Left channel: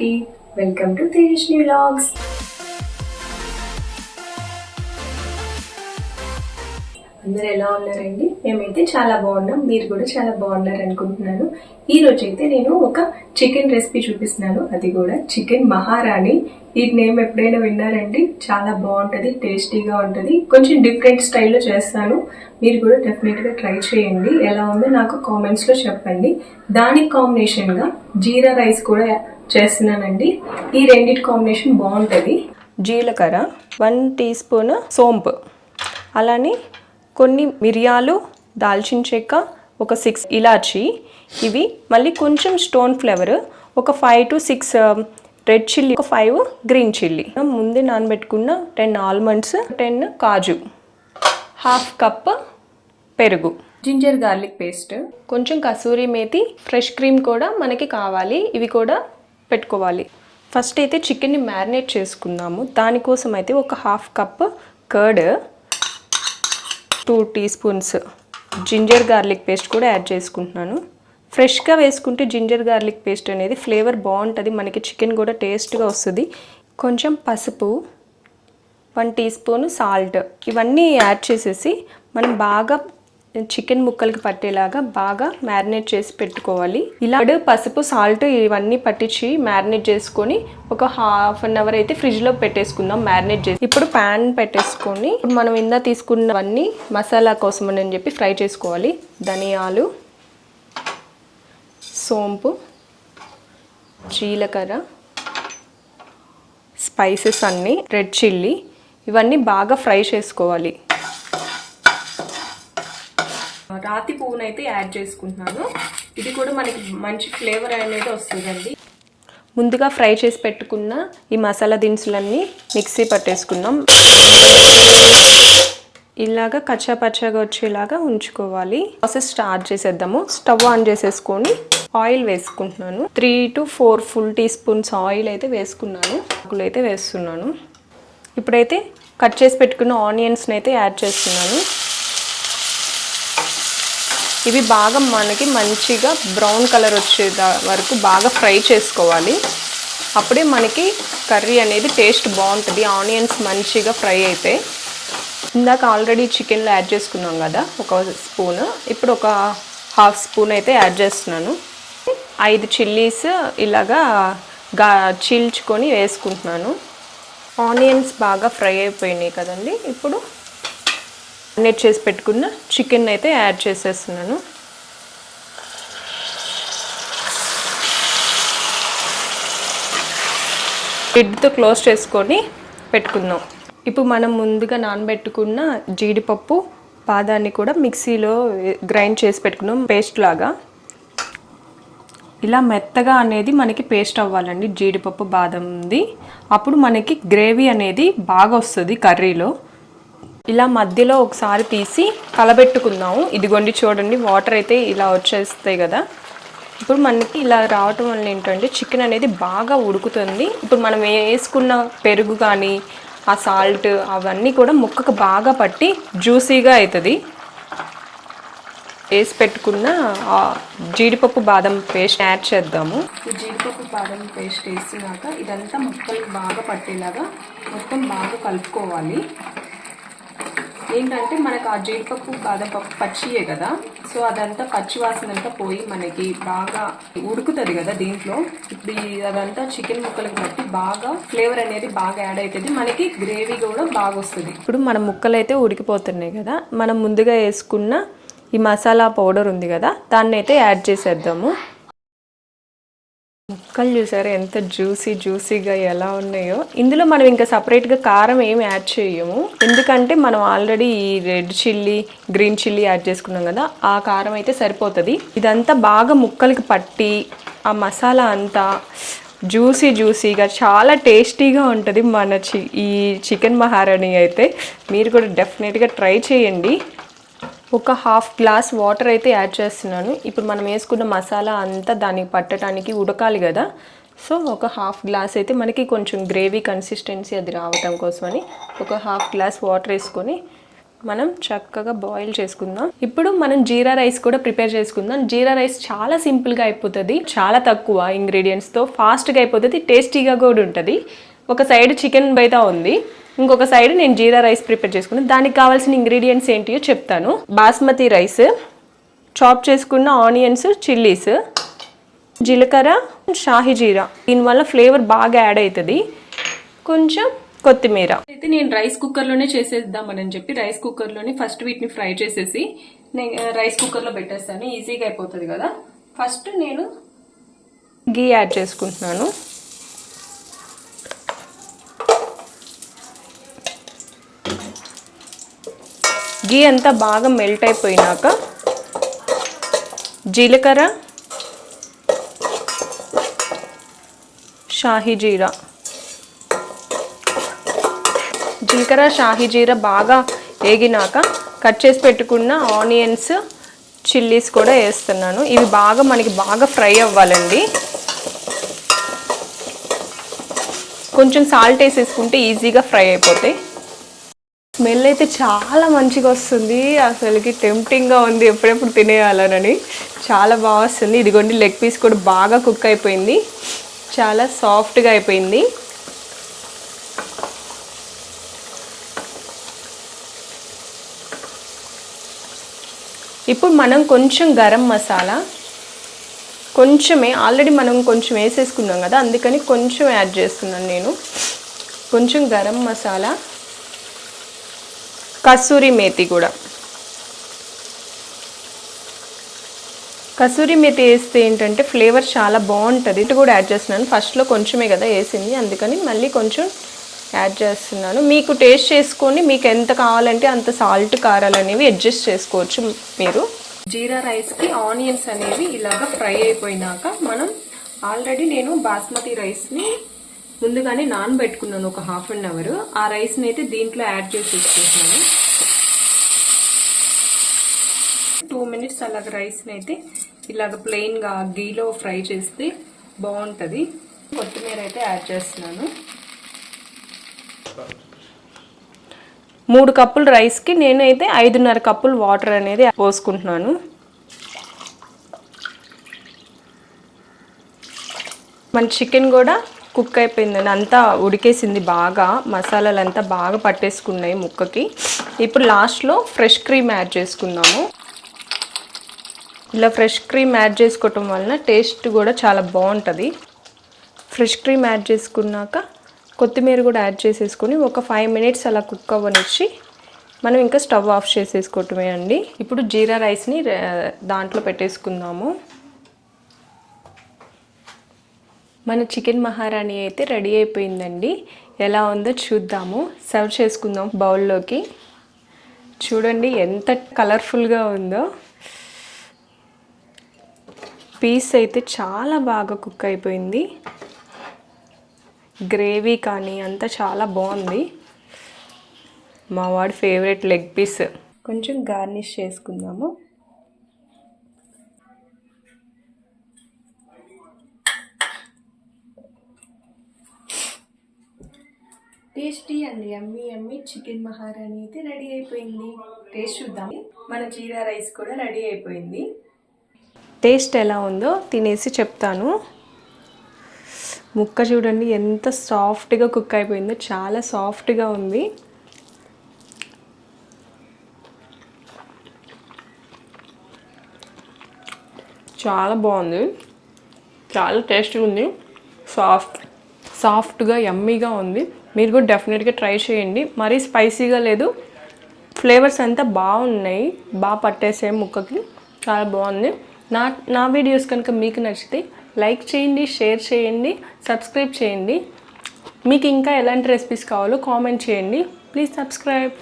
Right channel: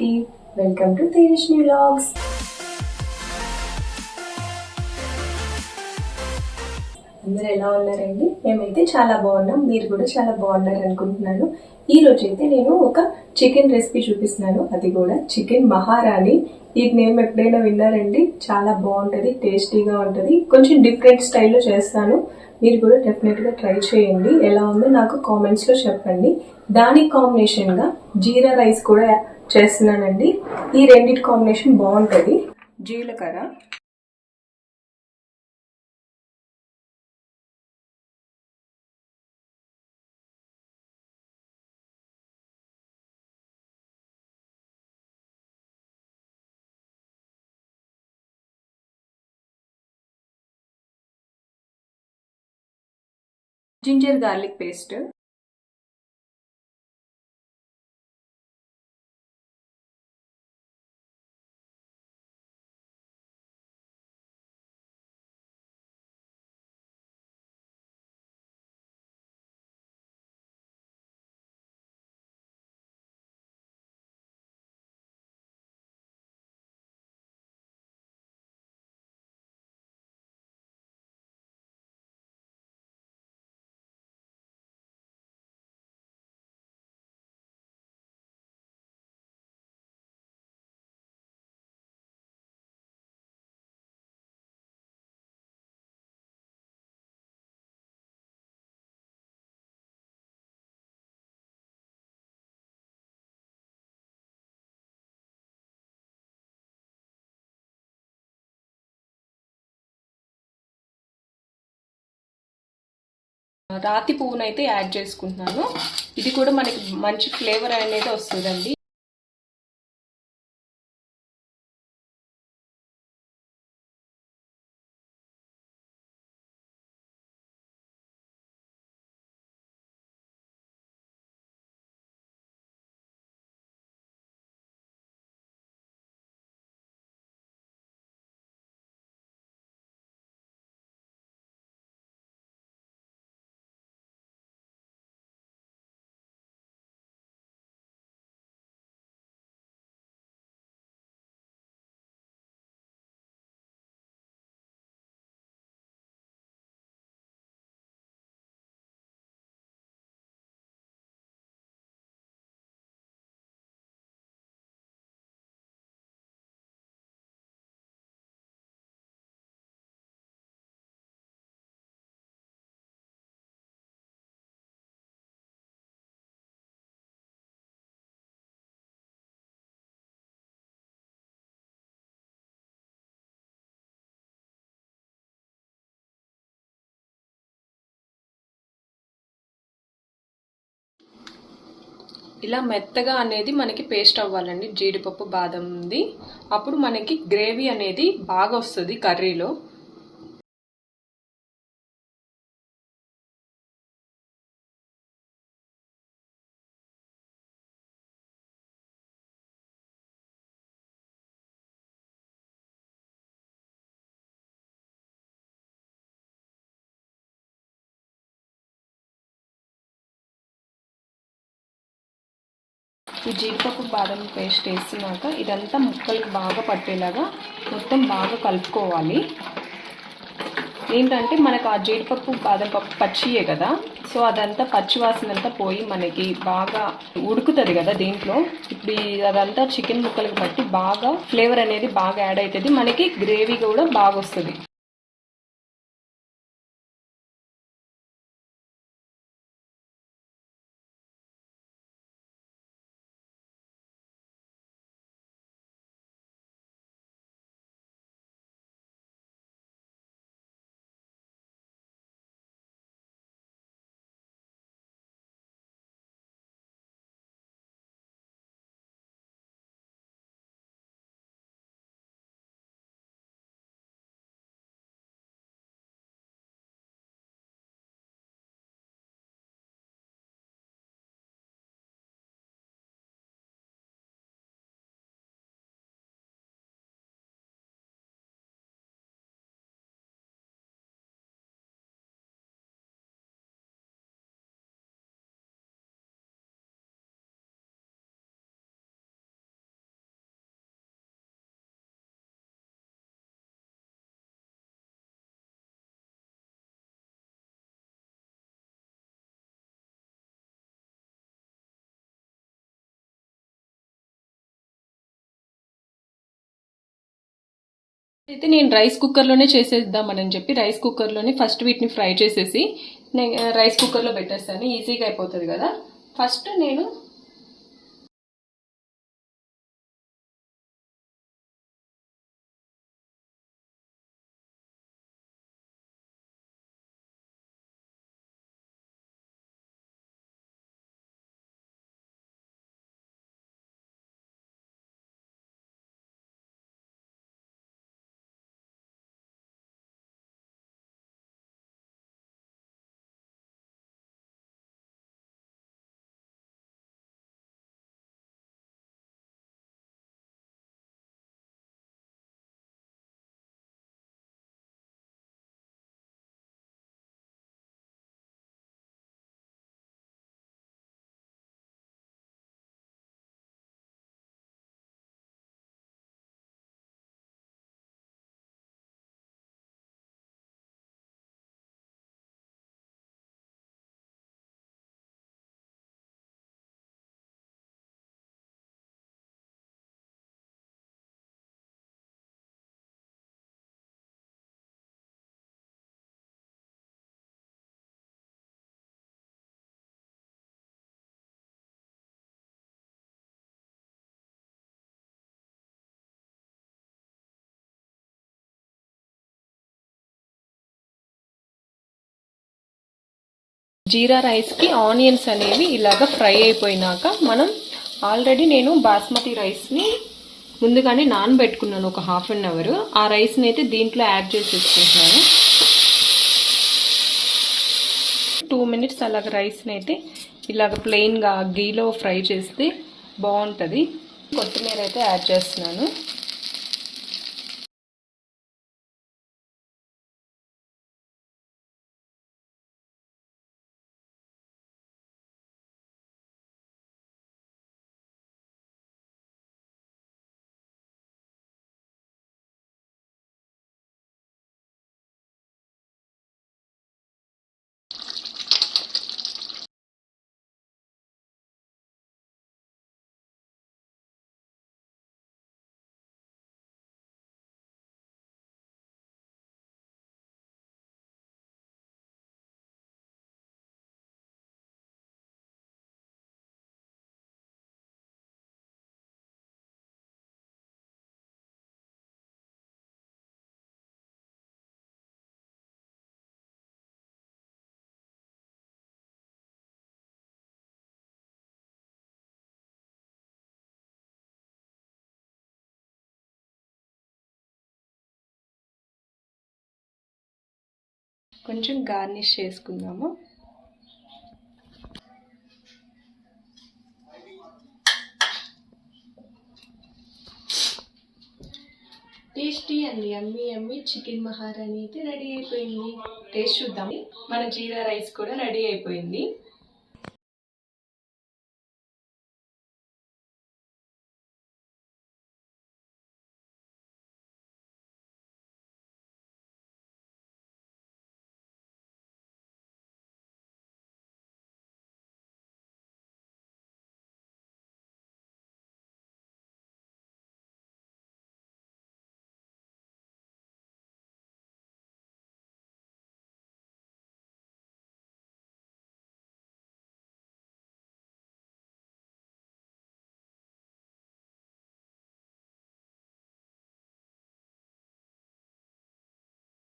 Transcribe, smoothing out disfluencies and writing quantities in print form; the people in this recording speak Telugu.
అందరికీ వెల్కమ్ టు తేజస్వి వ్లాగ్స్. అందరూ ఎలా ఉన్నారండి? మేమైతే చాలా బాగున్నాం, మీరు కూడా చాలా బాగున్నారు అనుకుంటున్నాను. ఈ రోజు అయితే నేను ఒక చికెన్ రెసిపీ చూపిస్తున్నాను, అది కూడా చికెన్ మహారాణి. ఈ నేమ్ ఎప్పుడైనా విన్నారండి? చాలా బాగుంటుంది, టేస్టీగా ఉంటుంది. కొంచెం డిఫరెంట్ స్టైల్లో చేస్తాను, మీరు కూడా డెఫినెట్గా ట్రై చేయండి. ఎలా ఉందో నాకు కామెంట్స్లో చెప్పండి. దానికి కాంబినేషన్గా జీరా రైస్ కూడా చేస్తున్నానండి. ఈ రెండిటి కాంబినేషన్ బాగుంటుంది. జీలకర్ర 1 టీ స్పూన్, సోంపు, అలానే కొన్ని మిరియాలు, దాల్చిన చెక్క, ఒక 6 ఇలాచి, ఇవి మళ్ళీ కొంచెం స్టోన్ ఫ్లేవర్, ఒక 5 to 6 రెడ్ చిల్లీ, ఒక 5 గ్రీన్ చిల్లీ. ముందే నానబెట్టుకున్న 10 ఆల్మండ్స్, 10 కాజు, హాఫ్ కప్ పెరుగు, జింజర్ గార్లిక్ పేస్ట్, కొంచెం కసూరి మేతి, ఫ్రెష్ క్రీమ్ కూడా మనకి కావాలి, ఇవి కూడా పెట్టుకోవాలి. ఫస్ట్ అయితే చికెన్ని మ్యారినేట్ చేసుకుందాము. దానికోసం అయితే ఒక half cup curd, 2 teaspoons ginger garlic paste కూడా యాడ్ చేసుకుంటున్నాను. ఫ్రెష్గా వేసుకుంటే జింజర్ గార్లిక్ పేస్ట్ అనేది ఫ్లేవర్ బాగుంటుంది, మనకి చికెన్ కూడా టేస్ట్గా వస్తుంది. కొంచెం పసుపు, 1 టీ స్పూన్ సాల్ట్, ఇవన్నీ యాడ్ చేసేసి మనం బాగా చికెన్ ముక్కలకి పట్టేలాగా బాగా మ్యారినేట్ చేసి పెట్టుకోవాలి. ఇలా పసుపు, సాల్ట్ ఇవన్నీ పట్టించి మ్యారినేట్ చేసుకొని ఒక హాఫ్ అన్ అవర్ అయితే ఫ్రిడ్జ్లో పెట్టేసుకుందాం మ్యారినేట్ చేసి. ఇప్పుడు ప్యాన్ పెట్టేసుకొని మనం ఇందా తీసుకున్నవన్నీ మసాలా కోసం అని చెప్పి ఫ్రై చేసుకోవాలి. ధనియాలు, సోంపు, జీలకర్ర, స్పైసెస్ అన్నీ, రెడ్ చిల్లీ, ఇవన్నీ బాగా ఫ్రై చేసుకోవాలి. రాతి పువ్వునైతే యాడ్ చేసుకుంటున్నాను, ఇది కూడా మనకి మంచి ఫ్లేవర్ అనేది వస్తుందండి. ముందుగా ఫ్రై చేసి పెట్టుకున్న ఈ మసాలా దినుసులన్నీ మిక్సీ పట్టేసుకుందాం. ఇలాగా కచ్చా పచ్చాగా వచ్చేలాగా ఉంచుకోవాలి. ప్రాసెస్ స్టార్ట్ చేసేద్దాము. స్టవ్ ఆన్ చేసేసుకొని ఆయిల్ వేసుకుంటున్నాను. 3 to 4 full teaspoons oil అయితే వేసుకున్నాను. ఆకులు అయితే వేస్తున్నాను. ఇప్పుడైతే కట్ చేసి పెట్టుకున్న ఆనియన్స్ని అయితే యాడ్ చేస్తున్నాను. ఇవి బాగా మనకి మంచిగా బ్రౌన్ కలర్ వచ్చే వరకు బాగా ఫ్రై చేసుకోవాలి. అప్పుడే మనకి కర్రీ అనేది టేస్ట్ బాగుంటుంది. ఆనియన్స్ మంచిగా ఫ్రై అయితే, ఇందాక ఆల్రెడీ చికెన్లో యాడ్ చేసుకున్నాం కదా ఒక స్పూన్, ఇప్పుడు ఒక హాఫ్ స్పూన్ అయితే యాడ్ చేస్తున్నాను. 5 చిల్లీస్ ఇలాగా చీల్చుకొని వేసుకుంటున్నాను. ఆనియన్స్ బాగా ఫ్రై అయిపోయినాయి కదండి. ఇప్పుడు మ్యారినేట్ చేసి పెట్టుకున్న చికెన్ అయితే యాడ్ చేసేస్తున్నాను. లిడ్తో క్లోజ్ చేసుకొని పెట్టుకుందాం. ఇప్పుడు మనం ముందుగా నానబెట్టుకున్న జీడిపప్పు, బాదాన్ని కూడా మిక్సీలో గ్రైండ్ చేసి పెట్టుకున్నాం పేస్ట్ లాగా. ఇలా మెత్తగా అనేది మనకి పేస్ట్ అవ్వాలండి జీడిపప్పు, బాదంది. అప్పుడు మనకి గ్రేవీ అనేది బాగా వస్తుంది కర్రీలో. ఇలా మధ్యలో ఒకసారి తీసి కలబెట్టుకుందాము. ఇదిగోండి చూడండి, వాటర్ అయితే ఇలా వచ్చేస్తాయి కదా. ఇప్పుడు మనకి ఇలా రావటం వల్ల ఏంటంటే చికెన్ అనేది బాగా ఉడుకుతుంది. ఇప్పుడు మనం వేసుకున్న పెరుగు కానీ ఆ సాల్ట్ అవన్నీ కూడా ముక్కకు బాగా పట్టి జ్యూసీగా అవుతుంది. వేసి పెట్టుకున్న జీడిపప్పు, బాదం పేస్ట్ యాడ్ చేద్దాము. ఈ జీడిపప్పు, బాదం పేస్ట్ వేసినాక ఇదంతా ముక్కలకు బాగా పట్టేలాగా మొత్తం బాగా కలుపుకోవాలి. ఏంటంటే మనకు ఆ జీడిపప్పు, బాదం పప్పు పచ్చియే కదా, సో అదంతా పచ్చివాసన అంతా పోయి మనకి బాగా ఉడుకుతుంది కదా దీంట్లో. ఇప్పుడు అదంతా చికెన్ ముక్కలకు బట్టి బాగా ఫ్లేవర్ అనేది బాగా యాడ్ అవుతుంది, మనకి గ్రేవీ కూడా బాగా వస్తుంది. ఇప్పుడు మన ముక్కలు అయితే ఉడికిపోతున్నాయి కదా, మనం ముందుగా వేసుకున్న ఈ మసాలా పౌడర్ ఉంది కదా, దాన్ని అయితే యాడ్ చేసేద్దాము. ముక్కలు చూసారా ఎంత జ్యూసీగా ఎలా ఉన్నాయో. ఇందులో మనం ఇంకా సపరేట్గా కారం ఏమి యాడ్ చేయము, ఎందుకంటే మనం ఆల్రెడీ ఈ red chilli, green chilli add చేసుకున్నాం కదా, ఆ కారం అయితే సరిపోతుంది. ఇదంతా బాగా ముక్కలకి పట్టి ఆ మసాలా అంతా జ్యూసీగా చాలా టేస్టీగా ఉంటుంది మన ఈ చికెన్ మహారాణి అయితే. మీరు కూడా డెఫినెట్గా ట్రై చేయండి. ఒక హాఫ్ గ్లాస్ వాటర్ అయితే యాడ్ చేస్తున్నాను. ఇప్పుడు మనం వేసుకున్న మసాలా అంతా దానికి పట్టడానికి ఉడకాలి కదా, సో ఒక హాఫ్ గ్లాస్ అయితే మనకి కొంచెం గ్రేవీ కన్సిస్టెన్సీ అది రావటం కోసమని ఒక హాఫ్ గ్లాస్ వాటర్ వేసుకొని మనం చక్కగా బాయిల్ చేసుకుందాం. ఇప్పుడు మనం జీరా రైస్ కూడా ప్రిపేర్ చేసుకుందాం. జీరా రైస్ చాలా సింపుల్గా అయిపోతుంది, చాలా తక్కువ ఇంగ్రీడియంట్స్తో ఫాస్ట్గా అయిపోతుంది, టేస్టీగా కూడా ఉంటుంది. ఒక సైడ్ చికెన్ బైతా ఉంది, ఇంకొక సైడ్ నేను జీరా రైస్ ప్రిపేర్ చేసుకున్నాను. దానికి కావాల్సిన ఇంగ్రీడియంట్స్ ఏంటియో చెప్తాను. బాస్మతి రైస్, చాప్ చేసుకున్న ఆనియన్స్, చిల్లీస్, జీలకర్ర, షాహీ జీరా, దీనివల్ల ఫ్లేవర్ బాగా యాడ్ అవుతుంది, కొంచెం కొత్తిమీర. అయితే నేను రైస్ కుక్కర్లోనే చేసేద్దామని చెప్పి రైస్ కుక్కర్లోనే ఫస్ట్ వీటిని ఫ్రై చేసేసి నేను రైస్ కుక్కర్లో పెట్టేస్తాను, ఈజీగా అయిపోతుంది కదా. ఫస్ట్ నేను గీ యాడ్ చేసుకుంటున్నాను. గీ అంతా బాగా మెల్ట్ అయిపోయినాక జీలకర్ర, షాహీ జీరా, జీలకర్ర షాహీ జీరా బాగా వేగినాక కట్ చేసి పెట్టుకున్న ఆనియన్స్, చిల్లీస్ కూడా వేస్తున్నాను. ఇవి మనకి బాగా ఫ్రై అవ్వాలండి. కొంచెం సాల్ట్ వేసేసుకుంటే ఈజీగా ఫ్రై అయిపోతాయి. స్మెల్ అయితే చాలా మంచిగా వస్తుంది, అసలుకి టెంప్టింగ్గా ఉంది ఎప్పుడెప్పుడు తినేయాలనని. చాలా బాగా వస్తుంది. ఇదిగోండి లెగ్ పీస్ కూడా బాగా కుక్ అయిపోయింది, చాలా సాఫ్ట్గా అయిపోయింది. ఇప్పుడు మనం కొంచెం గరం మసాలా, కొంచెమే, ఆల్రెడీ మనం కొంచెం వేసేసుకున్నాం కదా, అందుకని కొంచెం యాడ్ చేస్తున్నాను నేను. కొంచెం గరం మసాలా, కసూరి మేతి కూడా. కసూరి మేతి వేస్తే ఏంటంటే ఫ్లేవర్ చాలా బాగుంటుంది. ఇటు కూడా యాడ్ చేస్తున్నాను, ఫస్ట్లో కొంచెమే కదా వేసింది, అందుకని మళ్ళీ కొంచెం యాడ్ చేస్తున్నాను. మీకు టేస్ట్ చేసుకొని మీకు ఎంత కావాలంటే అంత సాల్ట్, కారాలు అనేవి అడ్జస్ట్ చేసుకోవచ్చు మీరు. జీరా రైస్కి ఆనియన్స్ అనేవి ఇలాగ ఫ్రై అయిపోయినాక మనం ఆల్రెడీ నేను బాస్మతి రైస్ని ముందుగానే నానబెట్టుకున్నాను ఒక హాఫ్ అన్ అవర్. ఆ రైస్ని అయితే దీంట్లో యాడ్ చేసేసుకుంటున్నాను. 2 minutes అలాగ రైస్ని అయితే ఇలాగ ప్లెయిన్గా గీలో ఫ్రై చేస్తే బాగుంటుంది. కొత్తిమీర అయితే యాడ్ చేస్తున్నాను. 3 కప్పుల రైస్కి నేనైతే 5.5 కప్పులు వాటర్ అనేది పోసుకుంటున్నాను. మన చికెన్ కూడా కుక్ అయిపోయిందండి, అంతా ఉడికేసింది బాగా, మసాలాలు అంతా బాగా పట్టేసుకున్నాయి ముక్కకి. ఇప్పుడు లాస్ట్లో ఫ్రెష్ క్రీమ్ యాడ్ చేసుకుందాము. ఇలా ఫ్రెష్ క్రీమ్ యాడ్ చేసుకోవటం వలన టేస్ట్ కూడా చాలా బాగుంటుంది. ఫ్రెష్ క్రీమ్ యాడ్ చేసుకున్నాక కొత్తిమీర కూడా యాడ్ చేసేసుకొని ఒక 5 minutes అలా కుక్ అవ్వనిచ్చి మనం ఇంకా స్టవ్ ఆఫ్ చేసేసుకోవటమే అండి. ఇప్పుడు జీరా రైస్ని దాంట్లో పెట్టేసుకుందాము. మన చికెన్ మహారాణి అయితే రెడీ అయిపోయిందండి. ఎలా ఉందో చూద్దాము. సర్వ్ చేసుకుందాం బౌల్లోకి. చూడండి ఎంత కలర్ఫుల్గా ఉందో. పీస్ అయితే చాలా బాగా కుక్ అయిపోయింది. గ్రేవీ కానీ అంతా చాలా బాగుంది. మా వాడి ఫేవరెట్ లెగ్ పీస్. కొంచెం గార్నిష్ చేసుకుందాము. Tasty and yummy yummy chicken మహారాణి అయితే రెడీ అయిపోయింది. టేస్ట్ చూద్దాం. మన జీరా రైస్ కూడా రెడీ అయిపోయింది. టేస్ట్ ఎలా ఉందో తినేసి చెప్తాను. ముక్క చూడండి ఎంత సాఫ్ట్గా కుక్ అయిపోయిందో, చాలా సాఫ్ట్గా ఉంది. చాలా బాగుంది, చాలా టేస్ట్గా ఉంది, సాఫ్ట్గా యమ్మీగా ఉంది. మీరు కూడా డెఫినెట్గా ట్రై చేయండి. మరీ స్పైసీగా లేదు, ఫ్లేవర్స్ అంతా బాగున్నాయి, బాగా పట్టేసే ముక్కకి, చాలా బాగుంది. నా వీడియోస్ కనుక మీకు నచ్చితే లైక్ చేయండి, షేర్ చేయండి, సబ్స్క్రైబ్ చేయండి. మీకు ఇంకా ఎలాంటి రెసిపీస్ కావాలో కామెంట్ చేయండి. Please subscribe.